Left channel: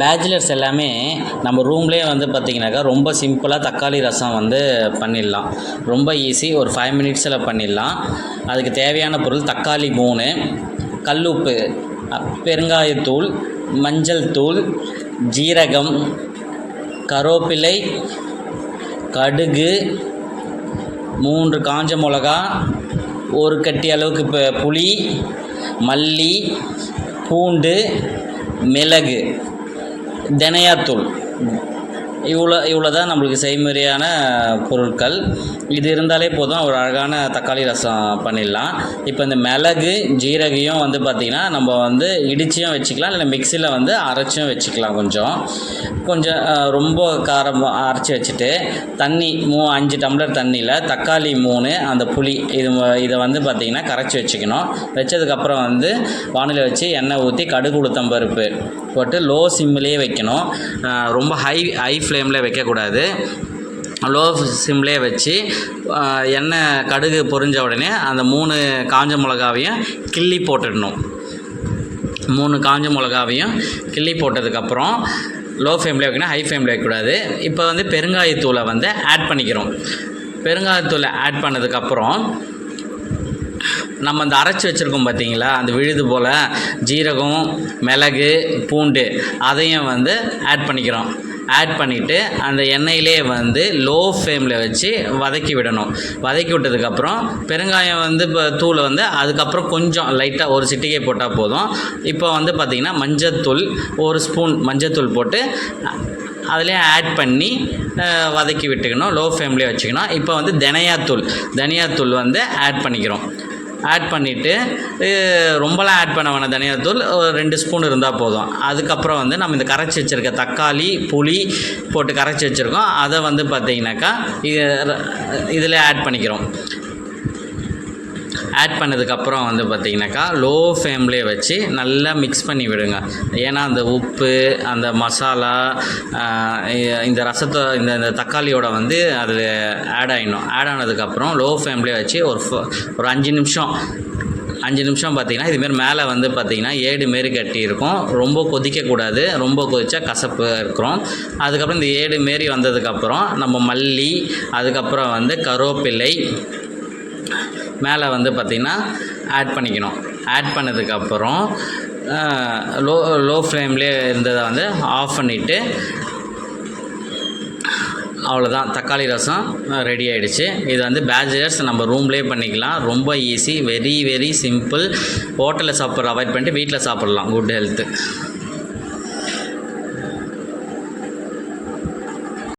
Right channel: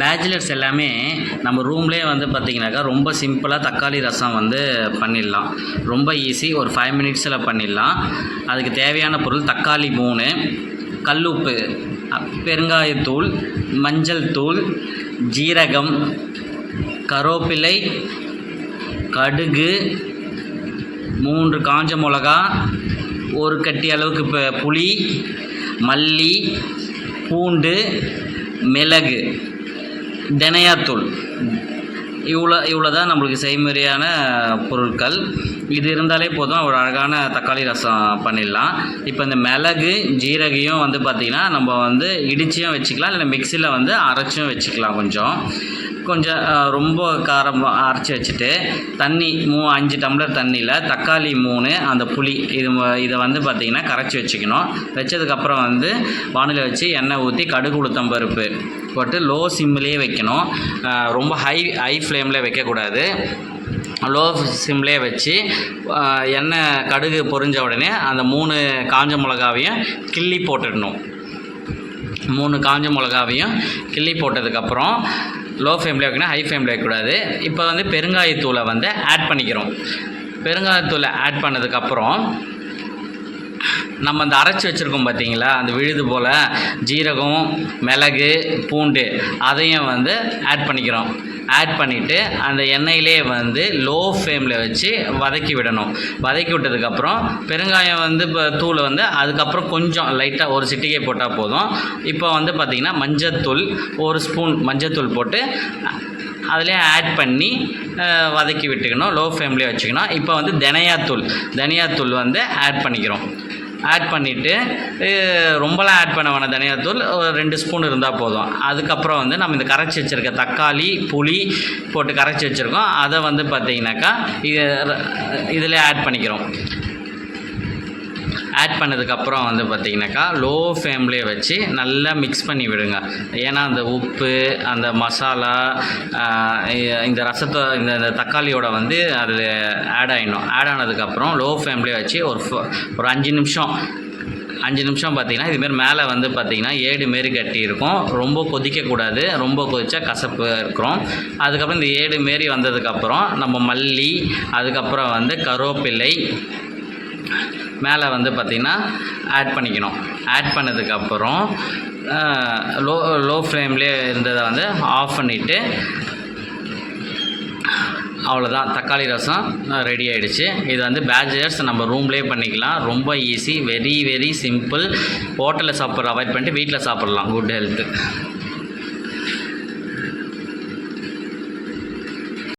Bachelors எல்லாமே நம்ம ரூம்லேயே வந்து பார்த்திங்கனாக்கா ரொம்ப சிம்பிளாக தக்காளி ரசம் வந்து பண்ணிடலாம். ரொம்ப ஈஸி, ஒரு 5 மினிட்ஸில் பண்ணிடலாம். அதுக்கு தேவையான பொருள் தக்காளி 3, கல்லுப்பு, பெருங்காயத்தூள், மஞ்சள் தூள், ஜீரகம், கருவேப்பிலை, கடுகு, 3 காஞ்ச மிளகா, ஒரு கட்டி அளவுக்கு புளி, மல்லி, பூண்டு, மிளகு, தனியாத்தூள். இவ்வளோ தான் நம்மளுக்கு செய்முறையான பொருட்கள். இது இருந்தாலே போதும், ஒரு அழகான தக்காளி ரசம் பண்ணிடலாம். இப்போ இந்த மிளகு ஜீரகையும் வந்து பார்த்திங்கன்னா நம்ம வந்து இடிச்சியும் வச்சுக்கலாம், இல்லை மிக்சியில் வந்து அரைச்சும் வச்சுக்கலாம். கொஞ்சம் ரொம்ப காரம் அரைச்சி வச்சுட்டு தண்ணி 5 டம்ளர் தண்ணியில் தக்காளி 3, அந்த புளி இதை வந்து பார்த்திங்கன்னா கரைச்சி வச்சுக்கணும். வச்சதுக்கப்புறம் வந்து வானிலை வச்சு எண்ணெய் ஊற்றி கடுகு உளுத்தம் பருப்பு போட்டு லோ சிம்லேயே வைக்கணும். ரொம்ப ஹை ஃப்ளேமில் வைக்கக்கூடாது. லோ சிம்லேயே வச்சு எண்ணெய் கடுகு பொரிஞ்ச உடனே அந்த 3 காஞ்ச மிளகாவையும் கிள்ளி போட்டுடணும். 3 காஞ்ச மிளகாவையும் கிள்ளி போட்டதுக்கப்புறம் லோ ஃப்ளேமில் வைக்கணும், ஹை ஃப்ளேமில் வைக்கக்கூடாது. இப்போ வந்து பெருங்காயத்தூளை வந்து ஆட் பண்ணிக்கிறோம். பெருங்காயத்தூளை ஆட் பண்ணதுக்கப்புறம் நம்ம அந்த அரைச்சி வச்சுருக்கோம் பார்த்திங்களா, அந்த விழுது போல் ஜீரகம், மிளகு, பூண்டு, அதையும் வந்து ஆட் பண்ணிக்கிறோம். ஆட் பண்ணிவிட்டு அந்த எண்ணெயிலே வந்து லோ ஃப்ளேமில் வச்சு வதக்கி விடணும். வதக்கி விட்டதுக்கப்புறம் பெருங்காயம் வந்து இப்போ தூள் வந்து அதுக்கப்புறம் கொஞ்சம் லைட்டாக ஒரு சிட்டிகை போட்டால் போதும். இப்போ வந்து பார்த்திங்கன்னா மஞ்சத்தூள், 1 ஸ்பூன் மஞ்சத்தூள் போட்டு அதிலே ஆட் பண்ணி வதக்கி விட்டுக்கணும். லோ ஃப்ளேம்லேயே வச்சுக்கணும். இப்போ வந்து தனியாத்தூள் வந்து ஆட் பண்ணிக்கிறோம். ஆட் பண்ணிவிட்டு ரொம்பலாம் ஆட் பண்ண வேணாம், தனியாத்தூள் ஒரு 2 ஸ்பூன் இருந்தால் போதும். அதுக்கப்புறம் வந்து நம்ம இந்த கரைச்சி வச்சுருக்க தக்காளி புளி போட்டு கரைச்சி வச்சுருக்கோம், அதை வந்து பார்த்திங்கனாக்கா இதில் ஆட் பண்ணிக்கிறோம். ஆட் பண்ணதுக்கப்புறம் வந்து பார்த்திங்கனாக்கா லோ ஃப்ளேம்லேயே வச்சு நல்லா மிக்ஸ் பண்ணி விடுங்க. ஏன்னா அந்த உப்பு, அந்த மசாலா, இந்த ரசத்தை இந்த தக்காளியோட வந்து அதில் ஆட் ஆனதுக்கப்புறம் லோ ஃப்ளேம்லேயே வச்சு ஒரு 5 நிமிஷம் பார்த்திங்கன்னா இதுமாரி மேலே வந்து பார்த்திங்கன்னா ஏடு மாரி கட்டி இருக்கும். ரொம்ப கொதிக்கக்கூடாது, ரொம்ப கொதிச்சா கசப்பு இருக்கிறோம். அதுக்கப்புறம் இந்த ஏடு மாரி வந்ததுக்கப்புறம் நம்ம மல்லி, அதுக்கப்புறம் வந்து கருவேப்பிலை மேலே வந்து பார்த்திங்கன்னா ஆட் பண்ணிக்கணும். ஆட் பண்ணதுக்கப்புறம் லோ ஃப்ளேம்லேயே இருந்ததை வந்து ஆஃப் பண்ணிவிட்டு அவ்வளோதான், தக்காளி ரசம் ரெடி ஆகிடுச்சு. இது வந்து பேச்சுலர்ஸ் நம்ம ரூம்லேயே பண்ணிக்கலாம். ரொம்ப ஈஸி, வெரி வெரி சிம்பிள். ஹோட்டலில் சாப்பிட்ற அவாய்ட் பண்ணிட்டு வீட்டில் சாப்பிட்லாம். Good health.